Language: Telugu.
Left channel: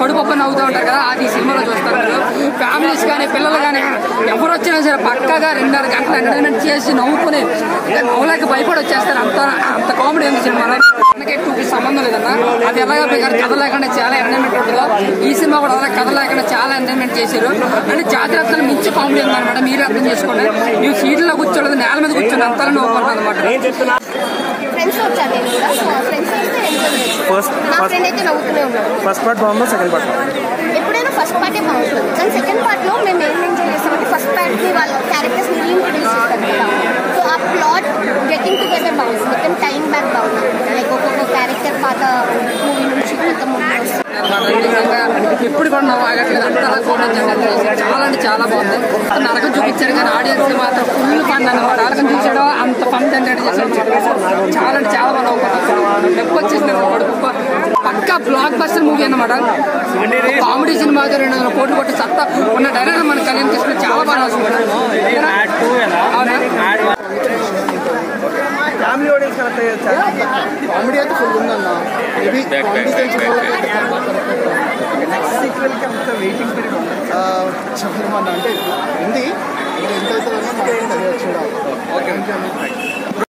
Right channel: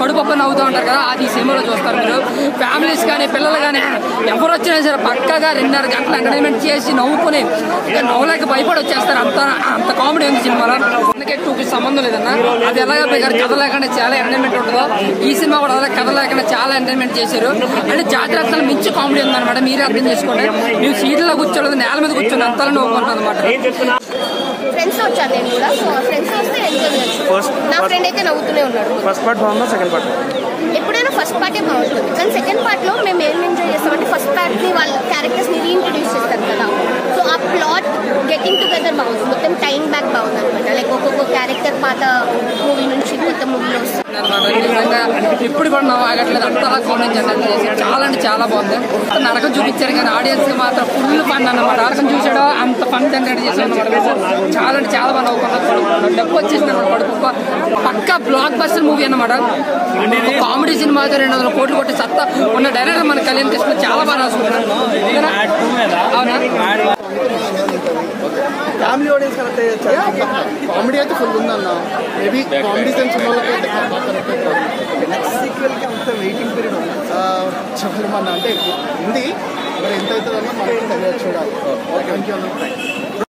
కడుపు నవ్వుతూ ఉంటారు కదా, అది ఈ సినిమాలో చూస్తారు మీరు. ఫ్యామిలీస్ కానీ పిల్లలు కానీ ఎవరు వచ్చినా సరే పక్కగా 2.5 గంటలు ఎంటర్టైన్మెంట్ చేసి నవ్వుకుని నవ్వులకి భయపడి వచ్చేస్తారు. అంత కామెడీ ఉంది సినిమాలో. అందుకే 2కి సంబంధం లేదన్నా. అది ఎలాగ కథ లేకుండా చాలా ఎంటర్టైన్మెంట్ ఉంటుందో ఈ సినిమా కూడా అలా కథ లేకుండా చాలా ఎంటర్టైన్మెంట్ చేశారు. అంటే జాతరలు మించి కామెడీ ఉందన్నమాట. మీరే అర్థం చేసుకోండి. ನೀವು సీట్లో కూర్చోలేదు, నేల మీద కూర్చొని అంతలో నవ్వుకుంటాను అనమాట. ఫ్రెండ్స్ వచ్చారు ఫ్రెండ్స్ వస్తే ఎంజాయ్ చేయొచ్చు. నా ఫ్రెండ్ అయితే నవ్వుతూనే ఉన్నాడు. ఎప్పుడైనా ఫస్ట్ పార్టే బాగుంటుంది, కానీ సెకండ్ పార్ట్ లో మేము ఏం ఎంజాయ్ చేస్తామంటే ఫస్ట్ పార్ట్ కి వాళ్ళ క్యారెక్టర్స్ ని రీఇంట్రడ్యూస్ చేస్తారు కదా, సో ఆ ప్లాట్ గెటింగ్ టుగెదర్ బాగుంది. మొత్తం టైం బ్యాక్ బాగుంది అనమాట. లైక్ ఒక్కొక్క క్యారెక్టర్ పాత మూవీ నుంచి కొత్త మూవీ వస్తుంది. ఇప్పుడు కూడా నవ్వు ఆగట్లేదు, అంతలా చూడండి. చాలా అంటే చాలా బాగుంది. నరకం చూపించారు కానీ ఆడియన్స్ మాత్రం ఫుల్ ఫన్ అన్నమాట. నరకం చూసాడో అంత ఫన్ జనరేట్ చేశాడు. చాలా అంటే చాలా బాగా నవ్వుకుంటారు. డబ్బు వచ్చేసింది పడుకు పక్కా బ్లాక్ బస్టర్ మూవీ అన్నమాట. కామెడీ సినిమా అయితే 200 కోట్లు కొట్టి సత్తా ఉన్న డైరెక్టర్ మనకు కళ్యాణ్ తీసుకుని చాలా బాగా రాసుకుంటారు. అవునా ఫ్యామిలీ ఆడియన్స్ కామెడీ అయితే ఫుల్ ఉందన్న. మేబీ నెక్స్ట్ సీక్వెల్ కి అంత వెయిటింగ్ పీరియడ్ చెప్పమన్నా అంటే ఉంది. ఎంత అవుతుందన్నా మనకి తెలియదు చూడాలి.